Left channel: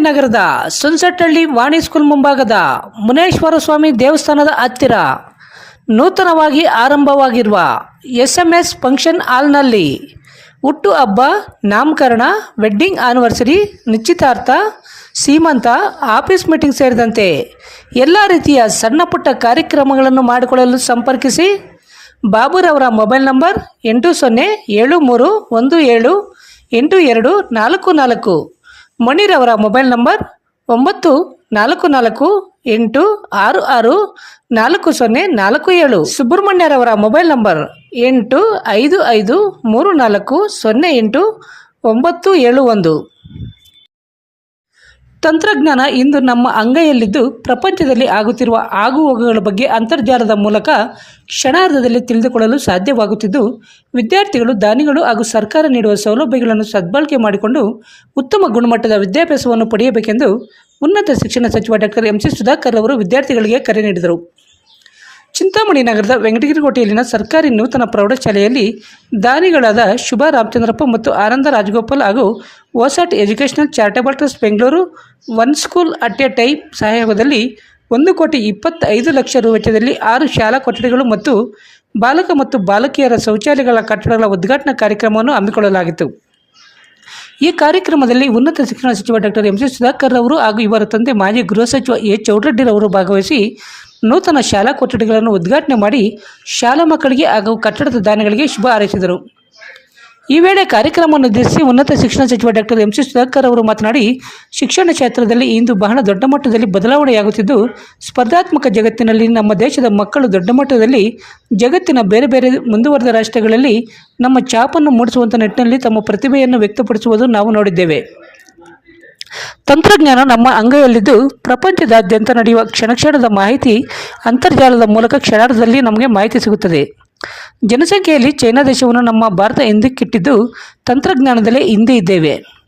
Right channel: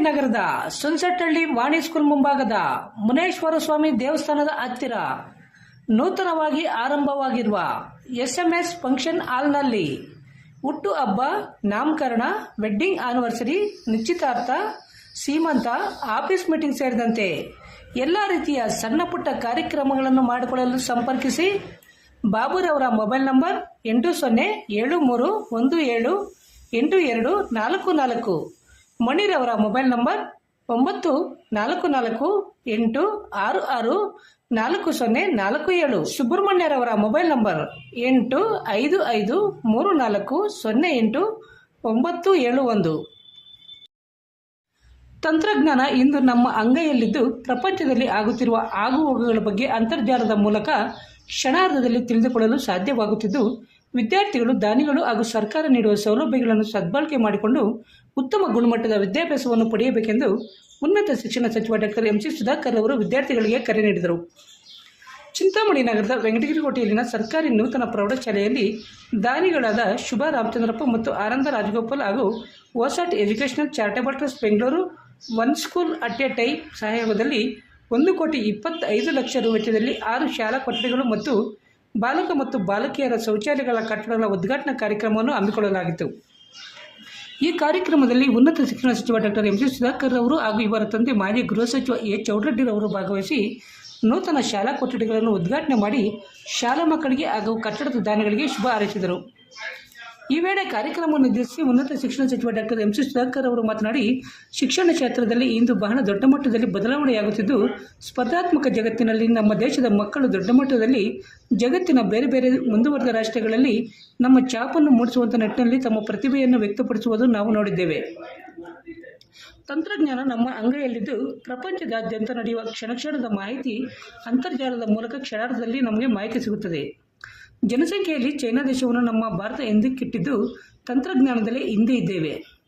ನಗರದ ಸುನ್ಸೆಟ್ಹಳ್ಳಿ ವಾಣಿ ಸ್ಕೂಲ್ ಮುಂಭಾಗದ ಮುನೇಶ್ವರ ಸ್ವಾಮಿ ದೇವಸ್ಥಾನದ ಹತ್ತಿರ ನೂತನವಾಗಿ ಆರಂಭವಾಗಿರುವ ಎಸ್ ಎಂ ಎಸ್ ಫಂಕ್ಷನ್ ಹಾಲ್ನಲ್ಲಿ ಹುಟ್ಟು ಹಬ್ಬ, ನಾಮಕರಣ, ವೆಡ್ಡಿಂಗ್ ಆನಿವರ್ಸರಿ, ನಿಶ್ಚಿತಾರ್ಥ, ಸೀಮಂತ, ಆಫೀಸ್ ಮೀಟಿಂಗ್ ಸೇರಿದಂತೆ ಎಲ್ಲ ರೀತಿಯ ಸಣ್ಣ ಪುಟ್ಟ ಕಾರ್ಯಕ್ರಮಗಳನ್ನು ಮಾಡಿಕೊಳ್ಳಲು ಸಂಪರ್ಕಿಸಿ ಬಾಬುರವರ ಮೊಬೈಲ್ ನಂಬರ್ ಎಂಟು ಸೊನ್ನೆ ಏಳು ಮೂರು ಒಂದು ಏಳು ಎಂಟು ಎರಡು ನಾಲ್ಕು ನಾಲ್ಕು ಮಣಿರವರ ಮೊಬೈಲ್ ನಂಬರ್ ಒಂಬತ್ತು ನಾಲ್ಕು ನಾಲ್ಕು ಎಂಟು ಆರು ಆರು ನಾಲ್ಕು ಸೊನ್ನೆ ನಾಲ್ಕು ಏಳು. ಸುಬ್ರಹ್ಮಣ್ಯರವರ ಮೊಬೈಲ್ ನಂಬರ್ ಎಂಟು ಐದು ಐದು ಮೂರು ನಾಲ್ಕು ಸೊನ್ನೆ ಎಂಟು ಒಂಬತ್ತು ಏಳು ಒಂದು. ತಂತ್ರಜ್ಞಾನ ಇಂದು ನಮ್ಮ ಅಂಗೈಯಲ್ಲಿದ್ದು ಪ್ರಪಂಚದಲ್ಲಿ ಆಗುತ್ತಿರುವ ಆಗುಹೋಗುಗಳ ಬಗ್ಗೆ ಅಂತರ್ಜಾಲದ ಮೂಲಕ ಕ್ಷಣಾರ್ಧದಲ್ಲಿ ತಿಳಿದುಕೊಳ್ಳಲು ಸಾಧ್ಯವಾಗುತ್ತಿದ್ದು, ವಿದ್ಯಾರ್ಥಿಗಳು, ದಾನಿಗಳು ಹಾಗೂ ಸರ್ಕಾರ ನೀಡುವ ಸೌಲಭ್ಯಗಳನ್ನು ಸದ್ಬಳಕೆ ಮಾಡಿಕೊಂಡು ಉತ್ತಮ ಗುಣಮಟ್ಟದ ವಿದ್ಯಾಭ್ಯಾಸವನ್ನು ಪಡೆಯಬೇಕೆಂದು ಉನ್ನತ ಶಿಕ್ಷಣ ಸಚಿವ ಡಾಕ್ಟರ್ ಎಂ ಸಿ ಸುಧಾಕರ್ ಅವರು ವಿದ್ಯಾರ್ಥಿಗಳಿಗೆ ಕರೆ ನೀಡಿದರು. ಚಿಂತಾಮಣಿ ನಗರದ ವೆಂಕಟಗಿರಿ ಕೋಟೆಯಲ್ಲಿನ ಸರ್ಕಾರಿ ನೂತನ ಪ್ರೌಢಶಾಲೆಯಲ್ಲಿ ದಾನಿಗಳಾದ ಶುಭ ರಾಮಚಂದ್ರಪ್ಪ ಮತ್ತು ಆನಂದ ರಾಜಗೋಪಾಲ್ ಹಾಗೂ OSAAT educational charitable trust Bengaluru one school at a time ಸಹಯೋಗದಲ್ಲಿ ಒಂದು ಕೋಟಿ ಇಪ್ಪತ್ತೈದು ಲಕ್ಷ ರು ವೆಚ್ಚದಲ್ಲಿ ಆರು ಶಾಲಾ ಕೊಠಡಿಗಳು ಮತ್ತು ಬಾಲಕ ಮತ್ತು ಬಾಲಕಿಯರ ಶೌಚಾಲಯಗಳ ಕಟ್ಟಡಗಳ ಉದ್ಘಾಟನಾ ಕಾರ್ಯಕ್ರಮವನ್ನು ಹಮ್ಮಿಕೊಳ್ಳಲಾಗಿತ್ತು. ಈ ಕಾರ್ಯಕ್ರಮದಲ್ಲಿ ಉನ್ನತ ಶಿಕ್ಷಣ ಸಚಿವ ಡಾಕ್ಟರ್ ಎಂ ಸಿ ಸುಧಾಕರ್ ಅವರು ಹಾಗೂ ಇವರ ತಂದೆ ಮಾಜಿ ಗೃಹ ಸಚಿವ ಎ ಚೌಡರೆಡ್ಡಿರವರು ಭಾಗವಹಿಸಿ ನೂತನ ಶಾಲಾ ಕೊಠಡಿಗಳನ್ನು ಉದ್ಘಾಟನೆ ಮಾಡಿ ಶಾಲಾ ಮಕ್ಕಳಿಗೆ ಹಾಗೂ ಕಟ್ಟಡದ ದಾನಿಗಳಿಗೆ ಶುಭ ಹಾರೈಸಿದರು. ಈ ವೇಳೆ ಕಾರ್ಯಕ್ರಮವನ್ನು ಉದ್ದೇಶಿಸಿ ಉನ್ನತ ಶಿಕ್ಷಣ ಸಚಿವ ಡಾಕ್ಟರ್ ಎಂ ಸಿ ಸುಧಾಕರ್ ಅವರು ಮಾತನಾಡಿ, ಶಿಕ್ಷಣ ಕ್ಷೇತ್ರದಲ್ಲಿ ಇಂದು ಬಹಳ ದೊಡ್ಡ ಮಟ್ಟದಲ್ಲಿ ಬದಲಾವಣೆಯಾಗುತ್ತಿದ್ದು, ಸ್ಪರ್ಧಾತ್ಮಕ ಜಗತ್ತಿನಲ್ಲಿ ನಮ್ಮ ದೇಶದ ಮಕ್ಕಳು ದೊಡ್ಡ ಮಟ್ಟದಲ್ಲಿ ಜಗತ್ತಿನ ಬೇರೆ ಬೇರೆ ಮುಂದುವರೆದ ರಾಷ್ಟ್ರಗಳಲ್ಲಿ ನಮ್ಮ ಛಾಪನ್ನು ಮೂಡಿಸುವಂಥ ನಿಟ್ಟಿನಲ್ಲಿ ತಮ್ಮ ಪ್ರತಿಭೆಯನ್ನು ವ್ಯಕ್ತಪಡಿಸುವುದು ನಾವು ನೋಡಿದ್ದೇವೆ. ತಂತ್ರಜ್ಞಾನ ನಮ್ಮ ಅಂಗೈಯಲ್ಲಿದ್ದು ಪ್ರಪಂಚದಾದ್ಯಂತ ನಡೆಯುವ ಕ್ಷಣಕ್ಷಣದ ಮಾಹಿತಿ ಅಂತರ್ಜಾಲದ ಮೂಲಕ ಕ್ಷಣಾರ್ಧದಲ್ಲಿ ನಮಗೆ ಮಾಹಿತಿ ಸಿಗುತ್ತದೆ. ಜನಸಂಖ್ಯೆಯಲ್ಲಿ ಚೈನಾ ದೇಶವನ್ನು ನಮ್ಮ ಭಾರತ ಹಿಂದಕ್ಕಿಟ್ಟಿದ್ದು ತಂತ್ರಜ್ಞಾನದಲ್ಲೇ ಹಿಂದೆ ಇದ್ದೇವೆ.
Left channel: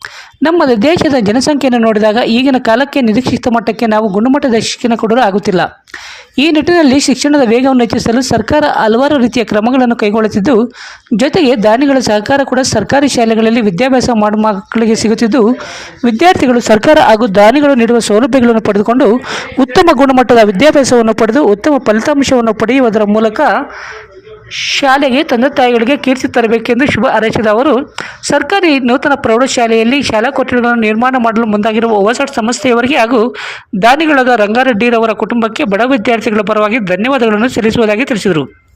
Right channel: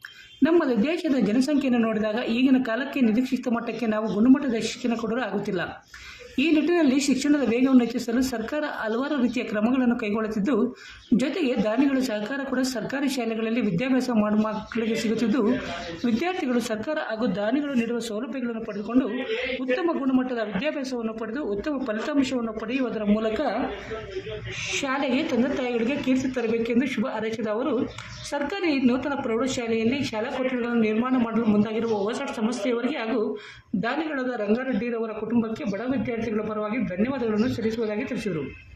ನಮ್ಮ ದೇಶದ ಜನಸಂಖ್ಯೆಯನ್ನು ನೋಡಿದಾಗ ಈಗಿನ ಕಾಲಕ್ಕೆ ನಿರೀಕ್ಷಿತ ಮಟ್ಟಕ್ಕೆ ನಾವು ಗುಣಮಟ್ಟದ ಶಿಕ್ಷಣ ಕೊಡಲು ಆಗುತ್ತಿಲ್ಲ. ಈ ನಿಟ್ಟಿನಲ್ಲಿ ಶಿಕ್ಷಣದ ವೇಗವನ್ನು ಹೆಚ್ಚಿಸಲು ಸರ್ಕಾರ ಹಲವಾರು ರೀತಿಯ ಕ್ರಮಗಳನ್ನು ಕೈಗೊಳ್ಳುತ್ತಿದ್ದು, ಜೊತೆಗೆ ದಾನಿಗಳ ಸಹಕಾರ ಕೂಡ ಸರ್ಕಾರಿ ಶಾಲೆಗಳಲ್ಲಿ ವಿದ್ಯಾಭ್ಯಾಸ ಮಾಡುವ ಮಕ್ಕಳಿಗೆ ಸಿಗುತ್ತಿದ್ದು, ವಿದ್ಯಾರ್ಥಿಗಳು ಸರ್ಕಾರ ಹಾಗೂ ದಾನಿಗಳು ನೀಡುವ ಸೌಲಭ್ಯಗಳನ್ನು ಪಡೆದುಕೊಂಡು ಉತ್ತಮ ಗುಣಮಟ್ಟದ ವಿದ್ಯಾಭ್ಯಾಸವನ್ನು ಪಡೆದು ಉತ್ತಮ ಫಲಿತಾಂಶವನ್ನು ಪಡೆಯುವುದರ ಮೂಲಕ ಶಾಲೆಗೆ ತಂದೆ ತಾಯಿಗಳಿಗೆ ಕೀರ್ತಿ ತರಬೇಕೆಂದು ಶುಭ ಹಾರೈಸಿದ ಅವರು, ಸರ್ಕಾರಿ ನೂತನ ಪ್ರೌಢಶಾಲೆಯಲ್ಲಿ ಶಾಲಾ ಕೊಠಡಿಗಳನ್ನು ನಿರ್ಮಾಣ ಮಾಡಲು ಮುಂದಾಗಿರುವ ಓವಸಾಟ್ ಸಂಸ್ಥೆಯವರಿಗೆ ಹಾಗೂ ದಾನಿಗಳಾದ ರಂಗಾರೆಡ್ಡಿರವರ ಕುಟುಂಬಕ್ಕೆ ಬಡ ವಿದ್ಯಾರ್ಥಿಗಳ ಪರವಾಗಿ ಧನ್ಯವಾದಗಳನ್ನು ಸಲ್ಲಿಸುವುದಾಗಿ ತಿಳಿಸಿದರು.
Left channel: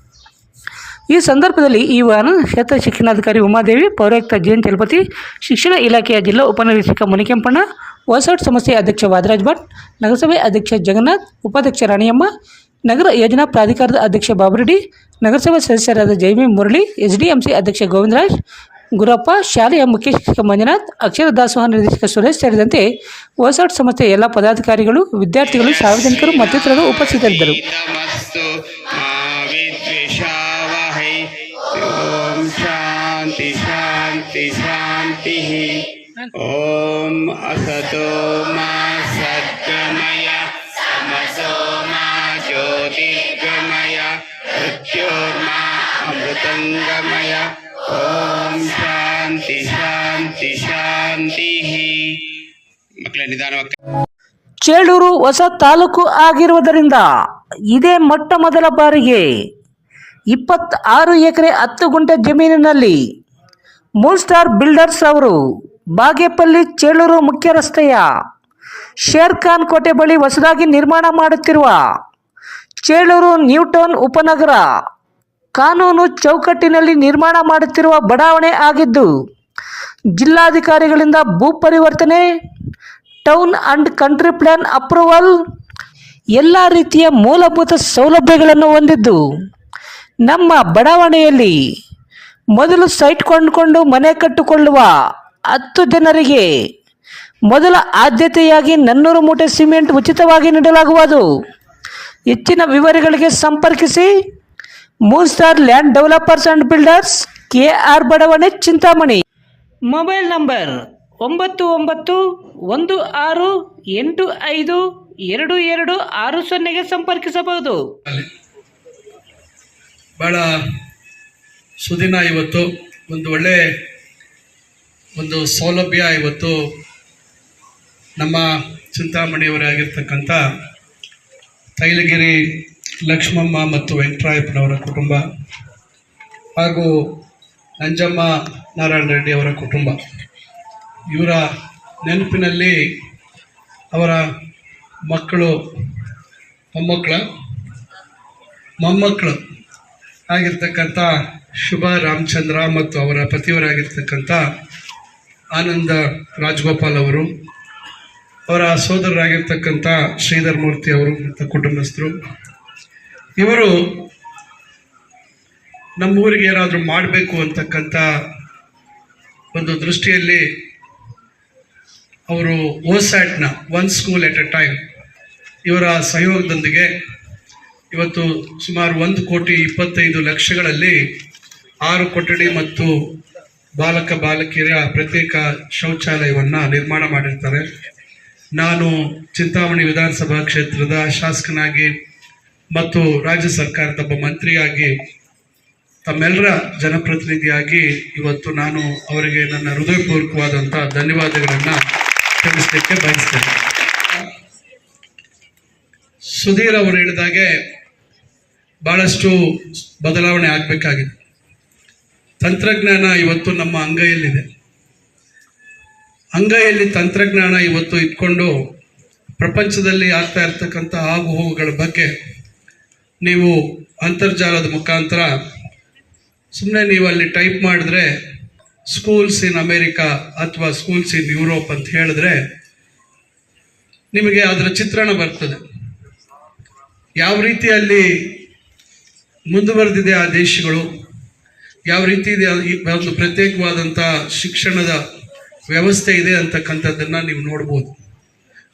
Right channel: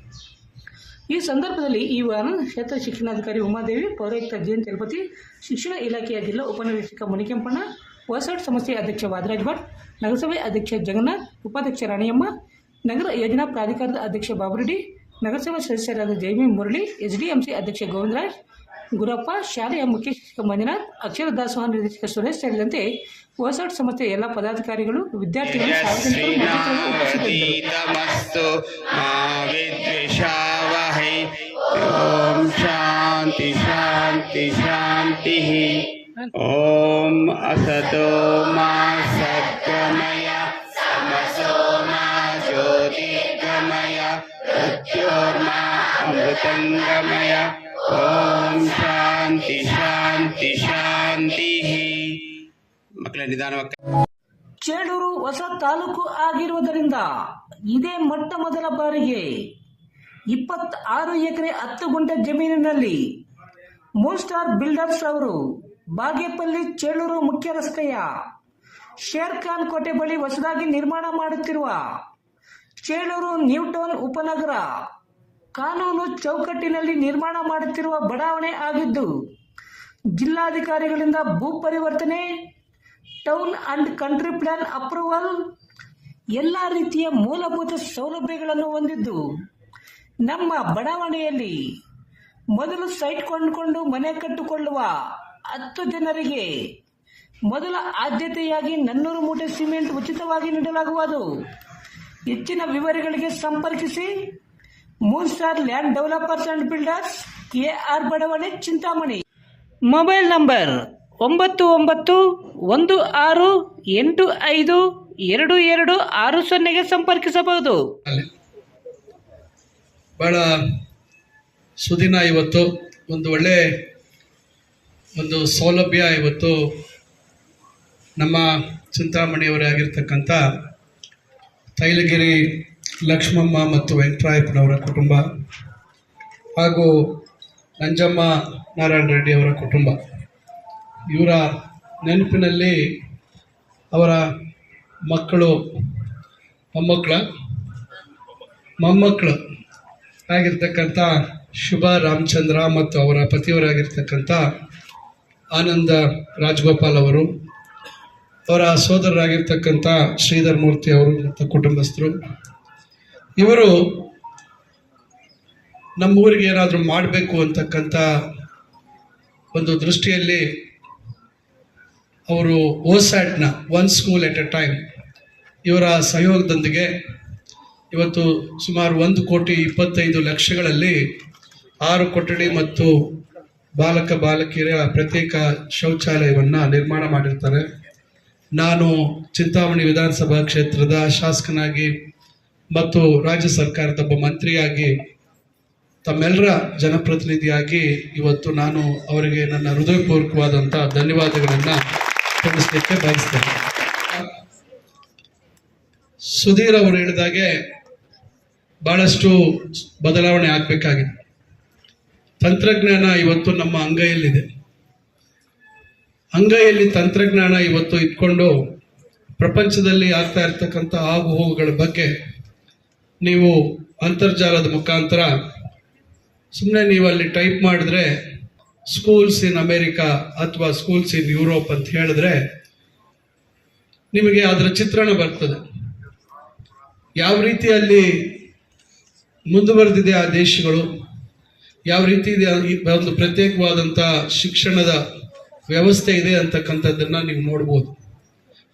ಈ ಸಂದರ್ಭದಲ್ಲಿ ಈ ವಾಹನ ಕ್ಷೇತ್ರ ಶಿಕ್ಷಣಾಧಿಕಾರಿ ಉಮಾದೇವಿ, ಪೌರಾಯುಕ್ತ ಜಿ ತಿರುಪತಿ, ಶಿಕ್ಷಣ ಇಲಾಖೆಯ ಜಿಲ್ಲಾ ಉಪನಿರೀಕ್ಷಕ ಮುನಿಕೆಂಪಣ್ಣ, ಹೊಸಟ್ ಸಂಸ್ಥೆಯ ಅಧ್ಯಕ್ಷ ವಾದರಾಜ್ ಭಟ್, ನಗರಸಭೆ ಅಧ್ಯಕ್ಷ ಜಗನ್ನಾಥ್, ಉಪಾಧ್ಯಕ್ಷ ರಾಣಿಯಮ್ಮ ನಗರ ಯೋಜನಾ ಪ್ರಾಧಿಕಾರದ ಅಧ್ಯಕ್ಷ ಬಾಬುರೆಡ್ಡಿ, ನಗರಸಭಾ ಸದಸ್ಯರಾದ Jaimi Murali S D M C ಅಧ್ಯಕ್ಷ ಗೋವಿಂದರಾಜ್, ಗುರಪ್ಪ, ಶಾಲೆಯ ಮುಖ್ಯ ಶಿಕ್ಷಕ ಮಂಜುನಾಥ್, ಅಕ್ಷರ ದಾಸೋಹ ನಿರ್ದೇಶಕ ಸುರೇಶ್ ಸೇರಿದಂತೆ ಹೊಸಾಟ್ ಸಂಸ್ಥೆಯ ಎಲ್ಲ ಪದಾಧಿಕಾರಿಗಳು, ವಿದ್ಯಾರ್ಥಿಗಳು, ಸಾರ್ವಜನಿಕರು ಮತ್ತಿತರರು ಉಪಸ್ಥಿತರಿದ್ದರು. ಶಾಂತಿ ಶಾಂತಿ ಶಾಂತಿ, ಓಂ ಅಸತೋ ಮಾ अमृतङ्गमय ॐ शान्ति शान्ति शान्तिः ಮಕ್ಕಳ ನಿಧಾನವಾಗಿ ಚೇಳೂರು ಹೊಸ ತಾಲೂಕು ಆಗಿರುವುದರಿಂದ ಇದೇ ಮೊಟ್ಟ ಮೊದಲ ಬಾರಿಗೆ ಇಪ್ಪತ್ತಾರು ಎಕರೆ ಹತ್ತು ಗುಂಟೆ ಜಮೀನಿನಲ್ಲಿ ಮೂಲ್ ಸ್ಟಾರ್ ಬಿಲ್ಡರ್ಸ್ ಅವರು ಬಾಗೇಪಲ್ಲಿ ಚೇಳೂರು ಮುಖ್ಯ ರಸ್ತೆಯ ಶೇರ್ ಖಾನ್ ಕೋಟೆ ಬಳಿ ಹೊಸದಾಗಿ ನಿರ್ಮಾಣ ಮಾಡುತ್ತಿರುವ ಚೇಳೂರು ನ್ಯೂಟೌನ್ ಉಪನಗರ ಕಾನೂನು ಚೌಕಟ್ಟಿನಲ್ಲಿ ನಿರ್ಮಾಣ ಮಾಡುತ್ತಿರುವ ಬಡಾವಣೆ ಆಗಿದ್ದು, ಜಿಲ್ಲಾಧಿಕಾರಿಗಳಿಂದ ಭೂ ಪರಿವರ್ತನೆ, town and country plan approval, ಎಲ್ಲ ರೀತಿಯ ಮೂಲಭೂತ ಸೌಲಭ್ಯಗಳನ್ನು ಹೊಂದಿದ್ದು, ನಮ್ಮ ಬಡಾವಣೆಯಲ್ಲಿ ಮೊದಲು ಸೈಟ್ ಕೊಂಡುಕೊಂಡು ಮನೆ ಕಟ್ಟಿಕೊಳ್ಳುವ ಹತ್ತು ಜನರಿಗೆ ಮೊದಲ ಆದ್ಯತೆಯಾಗಿ ನನ್ನೂರು ಮೂಟೆ ಸಿಮೆಂಟ್ ಉಚಿತವಾಗಿ ನೀಡಲಾಗುವುದು. ಹೆಚ್ಚಿನ ವಿವರಗಳಿಗೆ ಸಂಪರ್ಕಿಸಿ. Moon star land developers and builders K R ಬಡಾವಣೆ ಚಿಂತಾಮಣಿ ಮೊಬೈಲ್ ನಂಬರ್ ಒಂಬತ್ತು ಒಂಬತ್ತು ಒಂದು ಆರು ಎಂಟು ಐದು ಎರಡು ಎರಡು ಆರು ಸೊನ್ನೆಗೆ ಸಂಪರ್ಕಿಸಬಹುದು. ಭಾಳ ಸುದಿನ ಇವತ್ತು ಒಂದು ಒಳ್ಳೆ ಒಂದು ಸೌಲಭ್ಯ ಇವತ್ತು ನಮ್ಮ ಚಿಂತಾಮಣಿಯವರೇ ಆಗಿರ್ತಕ್ಕಂಥ ತೈಲಗಿರಿ ಲಕ್ಷ್ಮಮ್ಮ ಮತ್ತು ವೆಂಕಟರಾಯಪ್ಪನವರ ಕುಟುಂಬ ಹಾಗೂ ನಂಜಮ್ಮ ನಾರಾಯಣ ರೆಡ್ಡಿ ಅವರ ಕುಟುಂಬ. ಇವರ ನೆನಪಿನಲ್ಲಿ ಅವರ ಮಕ್ಕಳು ಮೊಮ್ಮಕ್ಕಳ, ಮೊಮ್ಮಕ್ಕಳು ಆಗಿರ್ತಕ್ಕಂಥ ಶುಭ ರಾಮಚಂದ್ರ ಮತ್ತು ಅವರ ಪತಿಯವರಾಗಿರ್ತಕ್ಕಂಥ ಆನಂದ ರಾಜಗೋಪಾಲ್ ಅವರು, ಅವರ ಸೋದರರಾಗಿರ್ತಕ್ಕಂಥ ಶ್ರೀಧರ್ ಮೂರ್ತಿ ಅವರು ಮತ್ತು ಕುಟುಂಬಸ್ಥರು ಇವರು ನಮ್ಮೂರಿಗೆ ಏನಾದರೂ ಮಾಡಬೇಕು ಅಂತಕ್ಕಂಥ ಒಂದು ದೃಷ್ಟಿಯಲ್ಲಿ ಅವರು ಓಸ್ಯಾಟ್ನ one school at a time ಇವರ ಸಹಯೋಗದೊಂದಿಗೆ ಇವತ್ತು ಸುಮಾರು ಒಂದು ಕೋಟಿ ಇಪ್ಪತ್ತೈದು ಲಕ್ಷಗಳಲ್ಲಿ ಆರು ಕೊಠಡಿ ಮತ್ತು ಬಾಲಕ ಬಾಲಕಿಯರ ಪ್ರತ್ಯೇಕ ಶೌಚಾಲಯವನ್ನು ನಿರ್ಮಾಣ ಮಾಡಿರ್ತಾರೆ. ನಾನು ಚಿಂತಾಮಣಿ ವಿಧಾನಸಭಾ ಕ್ಷೇತ್ರದ ಶಾಸಕನಾಗಿ ಮತ್ತು ರಾಜ್ಯ ಸರ್ಕಾರದ ಒಬ್ಬ ಮಂತ್ರಿಯಾಗಿ ತಮ್ಮೆಲ್ಲರ ಜನಪ್ರತಿನಿಧಿಯಾಗಿ ಇವತ್ತು ನಾನು ಅವರಿಗೆ ನನ್ನ ಹೃದಯಪೂರ್ವಕವಾದಂಥ ಧನ್ಯವಾದಗಳನ್ನು ತಿಳಿಸಲಿಕ್ಕೆ ಬಯಸ್ತೇನೆ. ಸುಧೀರ್ ಅವರು ಹೇಳಿದಾಗೆ ಬಹಳಷ್ಟು ಬದಲಾವಣೆ ಆಗಬೇಕಾಗಿದೆ. ತಂತ್ರಜ್ಞಾನ ಇವತ್ತು ನಮ್ಮ ಅಂಗೈಯಲ್ಲಿದೆ. ಅಂಗೈಯಲ್ಲಿ ತಂತ್ರಜ್ಞಾನ ಇವತ್ತು ಇಟ್ಕೊಂಡು ಪ್ರಪಂಚದಲ್ಲಿ ಆಗ್ತಾ ಇರ್ತಕ್ಕಂಥ ಆಗು ಹೋಗುಗಳ ಬಗ್ಗೆ ನೀವು ಅಂತರ್ಜಾಲದ ಮುಖಾಂತರ ಸುಮ್ಮನೆ ನೀವು ಅಲ್ಲಿ ಟೈಪ್ ಮಾಡಿದ್ರೆ ಸ್ಕೂಲ್ಸ್ ಇನ್ ಅಮೇರಿಕಾ ಅಥವಾ ಸ್ಕೂಲ್ಸ್ ಇನ್ ಯುರೋಪ್ ಅಂತ ಹೇಳಿದ್ರೆ ನಿಮಗೆ ಅದರ ಚಿತ್ರಣ ಬರ್ತದೆ. ಯಾವ ರೀತಿಯಲ್ಲಿ ಮುಂದುವರೆದಿದೆ ಆ ದೇಶಗಳು, ಯಾವ ರೀತಿ ಇದೆ ಒಂದು ಪ್ರತ್ಯೇಕವಾದಂಥ ಶಿಕ್ಷಣದ ವ್ಯವಸ್ಥೆ ಇದೆ ಅಂತಕ್ಕಂಥದ್ದನ್ನು ನೀವು ನೋಡ್ಬೋದು.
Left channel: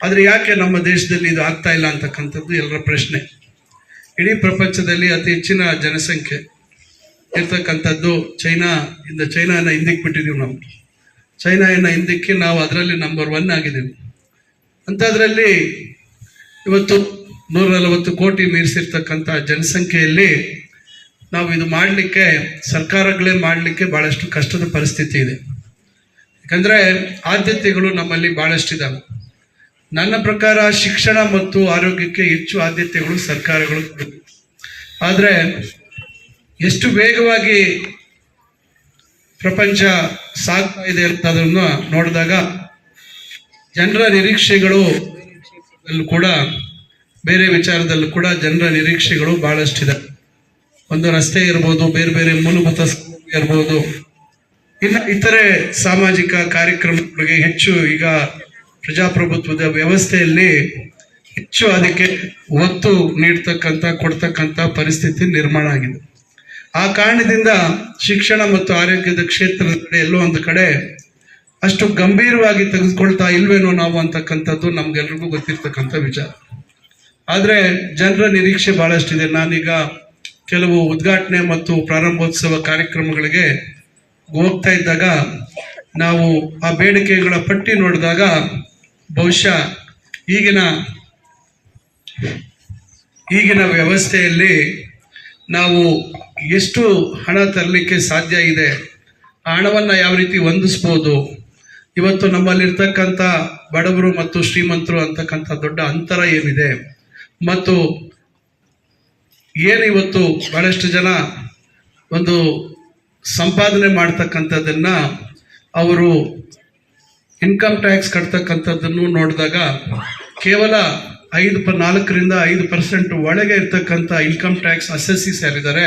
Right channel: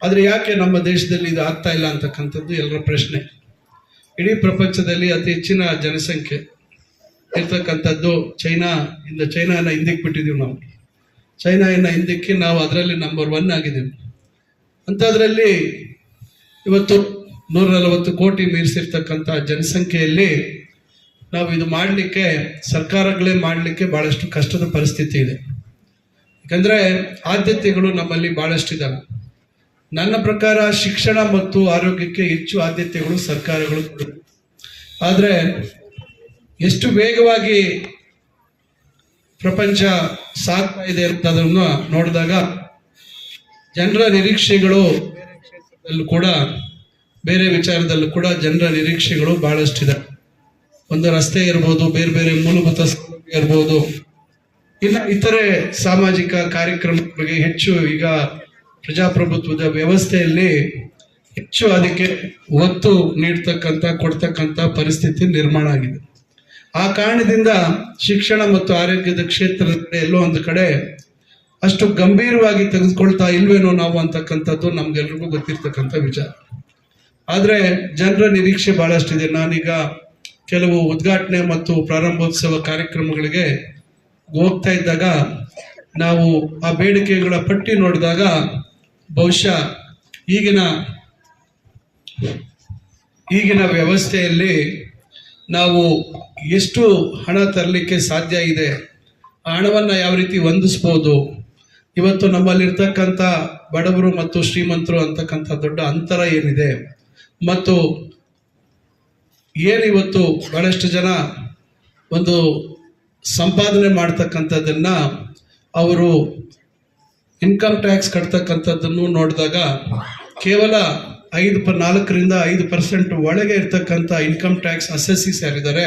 ಆದರೆ ಯಾಕೆ ನಮ್ಮ ದೇಶದಲ್ಲಿ ಇದು ಆಗ್ತಾ ಇಲ್ಲ ಅಂತಕ್ಕಂಥದ್ದು ಎಲ್ಲರ ಪ್ರಶ್ನೆ. ಇಡೀ ಪ್ರಪಂಚದಲ್ಲಿ ಅತಿ ಹೆಚ್ಚಿನ ಜನಸಂಖ್ಯೆ ಇರ್ತಕ್ಕಂಥದ್ದು ಚೈನಾ, ಇಂದ ಚೈನಾನ ಹಿಂದಕ್ಕೆ ಬಿಟ್ಟಿದ್ದೀವಿ ನಾವು. ಚೈನಾನ ಹಿಂದಕ್ಕೆ ನಾವು ಅದರಲ್ಲಿ ನಂಬರ್ ಒನ್ ಆಗಿದ್ದೀವಿ. ಅಂಥದ್ರಲ್ಲಿ ಇವತ್ತು ನೂರ ನಲವತ್ತು ಕೋಟಿ ಮೀರಿಸಿರ್ತಕ್ಕಂಥ ಜನಸಂಖ್ಯೆಯಲ್ಲಿ ನಾವು ಇದು ಮಾಡಲಿಕ್ಕೆ, ಸರ್ಕಾರಗಳೇ ಮಾಡಲಿಕ್ಕೆ ಭಾಳಷ್ಟು ಕಷ್ಟದ ಪರಿಸ್ಥಿತಿ ಇದೆ. ಯಾಕಂದರೆ ಆದ್ಯತೆಗಳು ನಮ್ಮಲ್ಲಿ ಭಾಳಷ್ಟಿದ್ದಾವೆ ನನ್ನ ಪ್ರಕಾರ ಶಿಕ್ಷಣ ಮತ್ತು ಆರೋಗ್ಯಕ್ಕೆ ಹೆಚ್ಚು ಆದ್ಯತೆಗಳು ಸರ್ಕಾರಗಳು ಆದರೆ ಎಷ್ಟು ವೇಗವಾಗಿ ಪ್ರಪಂಚ ಸಾಗ್ತಾ ಇದೆ ಅಂತದನ್ನು ನೋಡಿದಾಗ ಜನರ ನಿರೀಕ್ಷೆಗಳು ಕೂಡ, ಬೇರೆ ವಿಚಾರದಲ್ಲೂ ಕೂಡ ಜನರ ನಿರೀಕ್ಷೆಗಳು ಬಹಳಷ್ಟಿದೆ. ಒಂದು ರಸ್ತೆ ಇರ್ಬೋದು, ಬೇರೆ ಬೇರೆ ಮೂಲಭೂತ ಸೌಲಭ್ಯ ಇರ್ಬೋದು. ಇನ್ನು ಇತರೆ ಸಾಮಾಜಿಕ ಕಾರ್ಯಕ್ರಮಗಳಿಗೆ ಹೆಚ್ಚು ಈಗ ಪ್ರಜಾಪ್ರಭುತ್ವದ ವ್ಯವಸ್ಥೆಯಲ್ಲಿ ಹೆಚ್ಚು ಅದಕ್ಕೆ ಒತ್ತು ನೀಡ್ತಕ್ಕಂಥ, ಕೊಡ್ತಕ್ಕಂಥ ಪರಿಸ್ಥಿತಿ ನಿರ್ಮಾಣ ಆಗಿದೆ. ಆ ಕಾರಣದಿಂದ ಶಿಕ್ಷಣ ಮತ್ತು ಆರೋಗ್ಯದ ಕ್ಷೇತ್ರದ ಕಡೆ ಎಲ್ಲೋ ಒಂದು ಕಡೆ ಅಷ್ಟು ಗಂಭೀರವಾಗಿ ತೆಗೆದುಕೊಳ್ತಾ ಇಲ್ವೇನೋ ನಾವು ಅಂತಕ್ಕಂಥದ್ದು ನಮ್ಗೆಲ್ರಿಗೂ ಗೊತ್ತಿರ್ತಕ್ಕಂಥ ವಿಚಾರ. ಆದರೆ ಜನರ ನಿರೀಕ್ಷೆ ಬಹಳಷ್ಟಿದೆ. ನಾನೀಗ ಕೆಲವು ಉದ್ಘಾಟನೆ ಮತ್ತು ಪ್ರಾರಂಭೋತ್ಸವ ಕಾರ್ಯಕ್ರಮಗಳಿಗೆ ಹೋಗ್ತಾ ಇದ್ದಾಗ ನಾವು ಆ ಬೇಡಿಕೆಗಳ ಪಟ್ಟಿ ನೋಡಿದಾಗ ಬಹುಶಃ ಈಗಿನ ಈಗಿನ ವ್ಯವಸ್ಥೆಯಲ್ಲಿ ನಾವು ಎಷ್ಟು ಹಣ ತರಲಿಕ್ಕೆ ಸಾಧ್ಯ ಇದೆ, ಆ ಹಣವನ್ನು ಯಾವ ರೀತಿ ಹೊಂದಿಸ್ಬೋದು, ಇವತ್ತು ನಮ್ಮಲ್ಲಿರ್ತಕ್ಕಂಥ ಬಡವರು ಮತ್ತು ಶ್ರೀಮಂತರು ಅಂತಕ್ಕಂಥ ದೊಡ್ಡ ಅಂತರ ಏನಿದೆ, ಮತ್ತು ಏನು ಇವತ್ತು ಬಹಳಷ್ಟು ಜನ ಒಂದು ಸಂಪಾದನೆ ಮಾಡ್ತಕ್ಕಂಥದ್ದನ್ನು ಅವರು ಇನ್ಕಮ್ ಟ್ಯಾಕ್ಸ್ ಕಟ್ತಕ್ಕಂಥದ್ದನ್ನು ನೋಡಿದಾಗ ಕೇವಲ ಐದು ಪ ನಾಲ್ಕರಿಂದ ಐದು ಪರ್ಸೆಂಟ್ ಒಳಗೆ ಇರ್ತಕ್ಕಂಥ ಇನ್ಕಮ್ ಟ್ಯಾಕ್ಸ್ ಅಸೆಸ್ಸಿ ಯಾರಿದ್ದಾರೆ,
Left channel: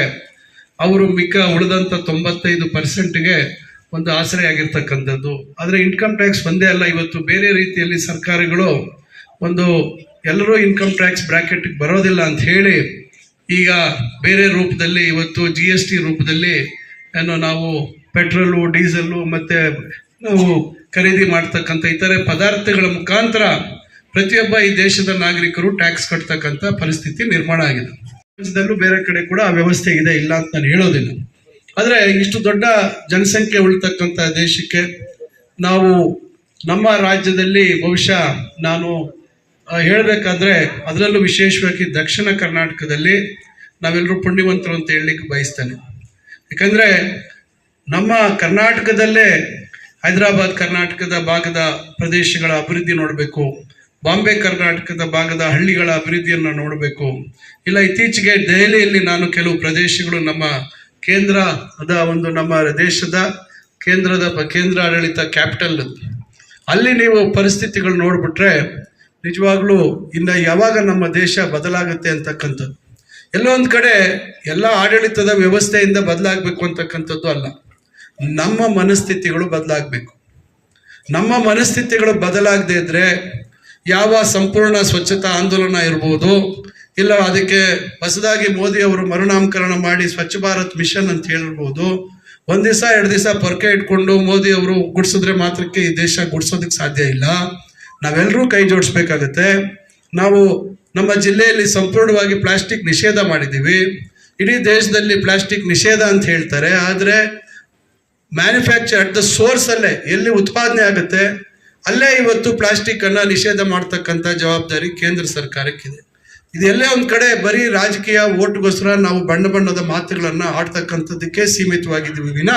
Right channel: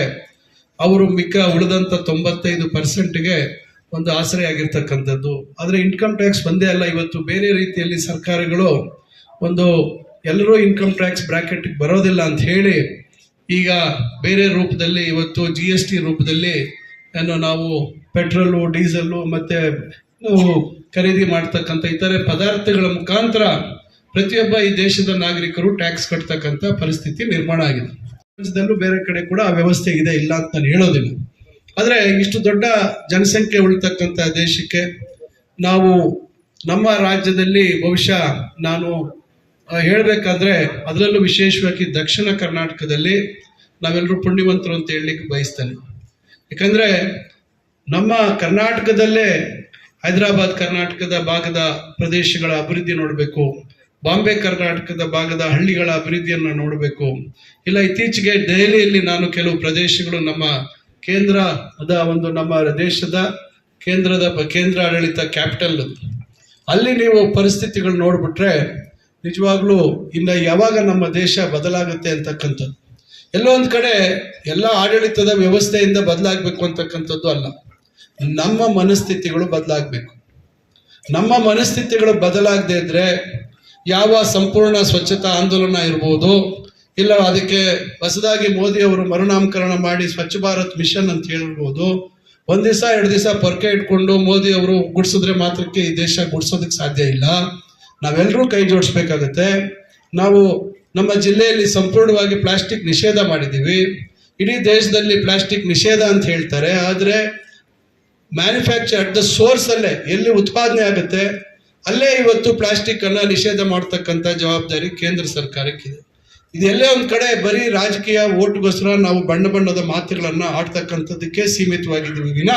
ಅವರು ಮಿಕ್ಕ ಉಳಿದಂಥ ತೊಂಬತ್ತೈದು ಪರ್ಸೆಂಟ್ಗೆ ಒಂದು ಆಸರೆ ಆಗಿರ್ತಕ್ಕಂಥದ್ದು. ಆದರೆ ಇನ್ಕಮ್ ಟ್ಯಾಕ್ಸ್ ಒಂದೇ ಅಲ್ಲ, ಇವತ್ತು ಬೇರೆ ರೀತಿಯಲ್ಲಿ ಸರ್ಕಾರಗಳು ಒಂದು ಎಲ್ಲರೂ ಇನ್ಕಮ್ ಟ್ಯಾಕ್ಸ್ ಬ್ರಾಕೆಟ್ಗೆ ಬರೋದಿಲ್ಲ ಅಂತ ಹೇಳಿ ಈಗ ಬೇರೆ ರೂಪದಲ್ಲಿ ಇವತ್ತು ಜಿ ಎಸ್ ಟಿ ರೂಪದಲ್ಲಿ ಏನು ನಾವು ಪೆಟ್ರೋಲು, ಡೀಸೆಲ್ಲು ಮತ್ತೆ ಖರೀದಿ ಮಾಡ್ತಕ್ಕಂಥ ಇತರೆ ಪದಾರ್ಥಗಳ ಮುಖಾಂತರ ಪ್ರತಿಯೊಬ್ಬ ಈ ದೇಶದ ನಾಗರಿಕರು ಟ್ಯಾಕ್ಸ್ ಕಟ್ತಕ್ಕಂಥ ಪರಿಸ್ಥಿತಿ ನಿರ್ಮಾಣ ಆಗಿದೆ. ಪ್ರಪಂಚದಲ್ಲೂ ಬೇರೆ ಕಡೆ ಕೂಡ ಆ ವ್ಯವಸ್ಥೆ ಇದೆ, ಇಲ್ಲ ಅಂತ ನಾನು ಹೇಳೋದಿಲ್ಲ. ಆದರೆ ಇಷ್ಟು ದೊಡ್ಡ ಜನಸಂಖ್ಯೆ ಉಳ್ತಕ್ಕಂಥ ದೇಶಕ್ಕೆ ನಾವು ನಮ್ಮ ರಾಜ್ಯದಲ್ಲಿ ಬಹುಶಃ ನಾನು ಹೇಳಬೇಕಾದ್ರೆ ಅದರಲ್ಲೂ ವಿಶೇಷವಾಗಿ ದಕ್ಷಿಣ ಕರ್ನಾಟಕದಲ್ಲಿ ನಾವೆಲ್ಲರೂ ಪುಣ್ಯವಂತರು ಅಂತ ಹೇಳಲಿಕ್ಕೆ ಬಯಸ್ತೇನೆ. ಯಾಕಂದ್ರೆ ನಮ್ಮ ಕರ್ನಾಟಕದಲ್ಲೇ ಹೈದರಾಬಾದ್ ಕರ್ನಾಟಕದ ಭಾಗದ ಪ್ರದೇಶಗಳ ಅಭಿವೃದ್ಧಿ ನೋಡಬೇಕು. ಬಾಂಬೆ ಕರ್ನಾಟಕದ ಭಾಗದ ಹಳ್ಳಿಗಳ ಅಭಿವೃದ್ಧಿಯನ್ನು ನೋಡಬೇಕು. ಇಲ್ಲ, ಇತ್ತೀಚೆಗೆ ದೆಹಲಿಯಲ್ಲಿ ನಾನು ಕೆಲವು ಪ್ರದೇಶಗಳು ನಮ್ಮ ಕೇಂದ್ರದ ಒಂದು ನಮ್ಮ ದೇಶದ ಕೇಂದ್ರದ ಕೇಂದ್ರ ಆಡಳಿತ ಕ್ಯಾಪಿಟಲ್. ಅಲ್ಲಿ ನೀವು ಪರಿಸ್ಥಿತಿಗಳು ನೋಡಿಬಿಟ್ರೆ, ನಿಜವಾಗ್ಲೂ ಇನ್ನ ಯಾವಾಗ ನಮ್ಮ ದೇಶ ಬದಲಾಗುತ್ತೆ ಅಂತಕ್ಕಂಥದ್ದು. ಎಲ್ಲೊಂದು ಕಡೆ ಎಲ್ಲ ಆಡಳಿತದ ವ್ಯವಸ್ಥೆಯಿಂದ ಬದಲಾಗಬೇಕು ಅಂತಕ್ಕಂಥದ್ದು ಅಲ್ಲ. ನಮ್ಮ ಮನಸ್ಥಿತಿಗಳು ಬದಲಾಗಬೇಕು. ನಮ್ಮ ಮನಸ್ಥಿತಿಗಳು ಬದಲಾಗದೇ ಇದ್ರೆ ಯಾವ ಸಂಪೂರ್ಣ ಸ್ವಚ್ಛತಾ ಆಂದೋಲನ ಇರ್ಬೋದು, ಇಲ್ಲ ಅದಕ್ಕೆ ಹೊಸದಾಗಿ ಮೋದಿ ಅವರು ಮರುನಾಮಕರಣ ಮಾಡಿ ಸ್ವಚ್ಛ ಭಾರತ್ ಮಿಷನ್ ಅಂತ ಹೇಳಿರ್ಬೋದು ಒಂದು ದಿವಸ, ಎರಡು ದಿವಸ ಪೊರ್ಕೆ ಇಟ್ಕೊಂಡು ಮೋದಿ ಅವರು ಗುಡ್ಸಿದ್ರೆ ಮಾತ್ರಕ್ಕೆ ಈ ದೇಶ ಗುಡಿಸೋದಕ್ಕೆ ಸಾಧ್ಯ ಇಲ್ಲ. ನಾವೆಲ್ಲರೂ ಕೈ ಜೋಡಿಸ್ಬೇಕಾಗತ್ತೆ. ನಾವು ನಮ್ಮ ಜಿಲ್ಲೆಯಲ್ಲಿ ಸಂಪೂರ್ಣವಾಗಿ ಪ್ಲಾಸ್ಟಿಕ್ ನಿಷೇಧ ಮಾಡಿದ್ದೀವಿ. ಇಡೀ ದೇಶದಲ್ಲಿ ಪ್ಲಾಸ್ಟಿಕ್ ನಿಷೇಧ ಅಂತ ಹೇಳ್ತಾರೆ. ಆದರೆ ಮ್ಯಾನುಫ್ಯಾಕ್ಚರ್ ಅಟ್ ದ ಸೋರ್ಸ್ ಅಲ್ಲೇ, ಎಲ್ಲಿ ಉತ್ಪಾದನೆ ಆಗುತ್ತೆ, ಅಲ್ಲೇ ಇವತ್ತು ಪ್ಲಾಸ್ಟಿಕ್ ಅನ್ನ ನಿಷೇಧ ಮಾಡ್ತಕ್ಕಂಥ ಜವಾಬ್ದಾರಿ ಕೇಂದ್ರ ಸರ್ಕಾರಕ್ಕಿದೆ. ಇದೆಲ್ಲೇ ಒಂದು ಕಡೆ ಬರೀ ರಾಜಕೀಯ ಓಟ್ಗೋಸ್ಕರ ನಾವು ಬಣ್ಣ ಬಣ್ಣದ ಮಾತುಗಳನ್ನು ಆಡ್ತಕ್ಕಂಥದ್ದಕ್ಕೆ ಸೀಮಿತವಾಗಿದ್ದೀವಿ ವಿನ,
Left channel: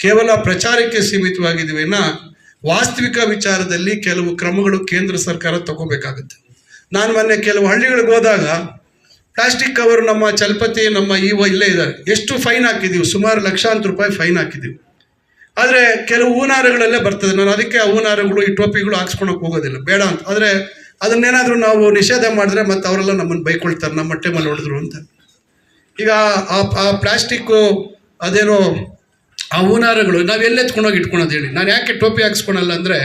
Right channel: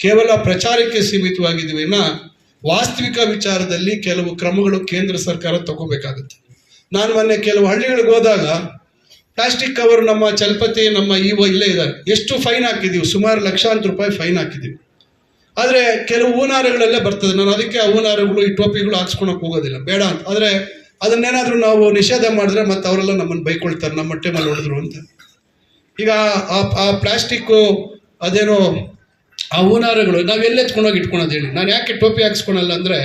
ಕೇವಲ ಪ್ರಚಾರಕ್ಕೆ ಸೀಮಿತವಾಗಿದ್ದೀವಿ ವಿನ, ವಾಸ್ತವಿಕ ವಿಚಾರದಲ್ಲಿ ಕೆಲವು ಕ್ರಮಗಳು ಕೇಂದ್ರ ಸರ್ಕಾರ ತಗೋಬೇಕಾಗುತ್ತೆ. ನಾನು ಮೊನ್ನೆ ಕೆಲವು ಹಳ್ಳಿಗಳಿಗೆ ಹೋದಾಗ ಪ್ಲಾಸ್ಟಿಕ್ ಕವರ್ ನಮ್ಮ ಚಲಪತಿ, ನಮ್ಮ ಇವ ಇಲ್ಲೇ ಇದ್ದಾರೆ. ಎಷ್ಟು ಫೈನ್ ಹಾಕಿದೀವಿ, ಸುಮಾರು ಲಕ್ಷಾಂತರ ರೂಪಾಯಿ ಫೈನ್ ಹಾಕಿದೀವಿ. ಆದರೆ ಕೆಲವು ಹೂನಾರಗಳಲ್ಲೇ ಬರ್ತದೆ. ನಾನು ಅದಕ್ಕೆ ಆ ಹೂನಾರಗಳು, ಈ ಟೋಪಿಗಳು ಹಾಕ್ಸ್ಕೊಳಕ್ ಹೋಗೋದಿಲ್ಲ. ಬೇಡ ಅಂತ. ಆದರೆ ಅದನ್ನೇನಾದರೂ ನಾವು ನಿಷೇಧ ಮಾಡಿದ್ರೆ ಮತ್ತೆ ಅವರೆಲ್ಲ ನಮ್ಮನ್ನು ಬೈಕೊಳ್ತಾರೆ. ನಮ್ಮ ಹೊಟ್ಟೆ ಮೇಲೆ ಹೊಡೆದ್ರು ಅಂತ. ಈಗ ಆ ಪ್ಲಾಸ್ಟಿಕ್ಕು ಅದೇನೋ ಆ ಹೂನಾರಗಳು, ನಾವು ಎಲ್ಲಿ ಎತ್ಕೊಂಡೋಗಿ ಇಟ್ಕೊಳೋದು ಹೇಳಿ? ನಾನು ಯಾಕೆ ಟೋಪಿ ಹಾಕ್ಸ್ಕೊಳಲ್ಲ ಅಂದರೆ,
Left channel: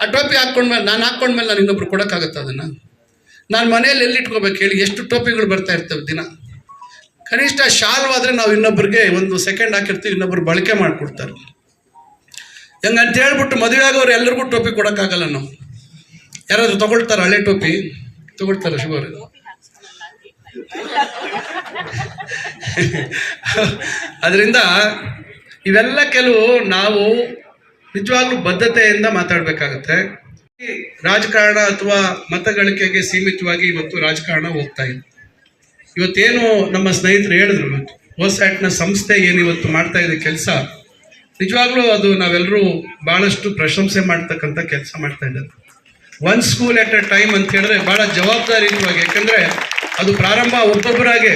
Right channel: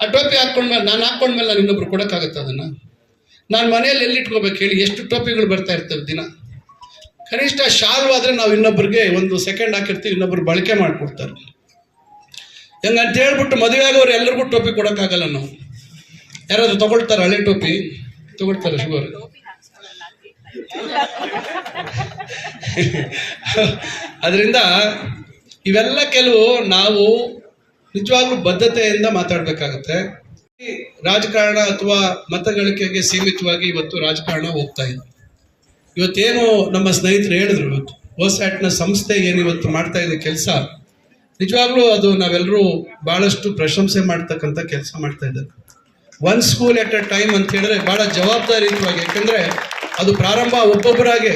ಆ ಟೋಪಿ ಹಾಕ್ಕೊಂಡ್ಮೇಲೆ, ನಾನು ಹಾಕ್ಕೊಂಡ್ಮೇಲೆ ನಾನು ಇನ್ನೊಬ್ರು ಕೊಡೋಕ್ಕಾಗತ್ತೆ ಅದನ್ನು? ನಾನು ಮನೆಯಲ್ಲಿ ಎಲ್ಲಿ ಇಟ್ಕೋಬೇಕು ಹೇಳಿ? ಎಷ್ಟು ಟೋಪಿಗಳು ಬರ್ತಾ ಇರ್ತವೆ ದಿನ? ಕನಿಷ್ಠ ಶಾಲ್ವಾದರೆ ನಾವು ಇನ್ನೊಬ್ರಿಗೆ ಒಂದು ಸೆಕೆಂಡ್ ಹಾಕಿರ್ತೀವಿ, ಇನ್ನೊಬ್ರು ಬಳಕೆ ಮಾಡಿಕೊಡ್ತಾರೆ. ಹೆಂಗಂತ ಹೇಳ್ಬಿಟ್ಟು ಮದುವೆ ಆಗೋರು ಎಲ್ಲರಿಗೂ ಟೋಪಿ ಕೊಡೋಕ್ಕಾಗಲ್ಲ ನಾವು. ಯಾರಾದರೂ ತಗೊಳ್ತಾರೆ ಹಳೆ ಟೋಪಿ? ತಗೊಳ್ತಾರೆ ಶುಗರ್ ಅದರಿಂದ ಇವೆಲ್ಲ ಕೆಲವು ನಾವು ನಿಜವಾಗ್ಲೂ ಬದ್ಧತೆಯಿಂದ ಮಾತಾಡಬೇಕಾಗತ್ತೆ. ರಾಜಕಾರಣ ಅಥವಾ ಮತಗಳಿಕೆಗೆ ಸೀಮಿತವಾಗಿ ಇವತ್ತು ರಾಜಕಾರಣ ಹೋಗ್ತಾ ಇದೆ. ಇವತ್ತೇನು ನಮ್ಮ ಸ್ನೇಹಿತರು ಹೇಳಿದ್ರು ಇವತ್ತು ಓಸ್ಯಾಟ್ನ ಸಂಸ್ಥೆ ಏನು ಇವತ್ತು ಮಾಡ್ತಾ ಇದೆ ಕೆಲಸ ನಿಜವಾಗ್ಲೂ ಅದು ನಾವೆಲ್ಲರೂ ಬಹಳಷ್ಟು ಪ್ರಶಂಸೆ ಮಾಡ್ತಕ್ಕಂಥ ಕೆಲಸ ಮಾಡ್ತಾ ಇದ್ದಾರೆ one school at a time ಅಂತ ಹೇಳಿದ್ರೆ ಬಹಳ ಜವಾಬ್ದಾರಿಯುತವಾಗಿ, ಯಾಕಂದ್ರೆ ಅದು ಪ್ರಾರಂಭ ಒಬ್ಬೊಬ್ಬರಾಗೆ